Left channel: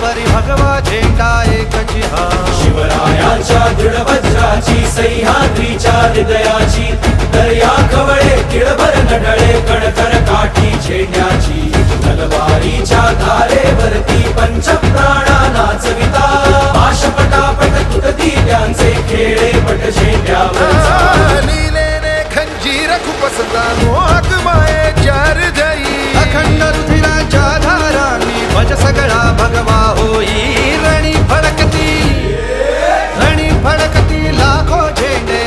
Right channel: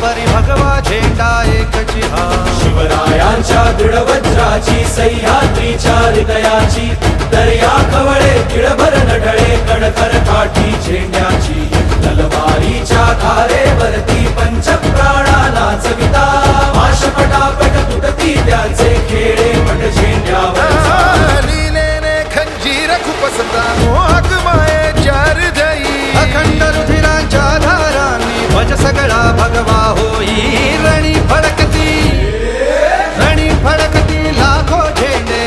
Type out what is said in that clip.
परी भगवा झेंडा एकची हा शिवरायांच्या दृढ वज्राची सह्याद्रीच्या हृदयाची दर्या खवळे किळभर नडळे कडकर काठी झेंड्याची तलवारीच्या धारेवरती पंचप्राणा चविता माशपटापट तुटती त्यांचे खेळे पट झेंड्यावर लीलेने खंजीर खुपसता मोहक मायेच्या हृदयी अखंड रुधिराच्या धारांनी भज सगळा भगवा होई रणी फडकती लाखो झेंडे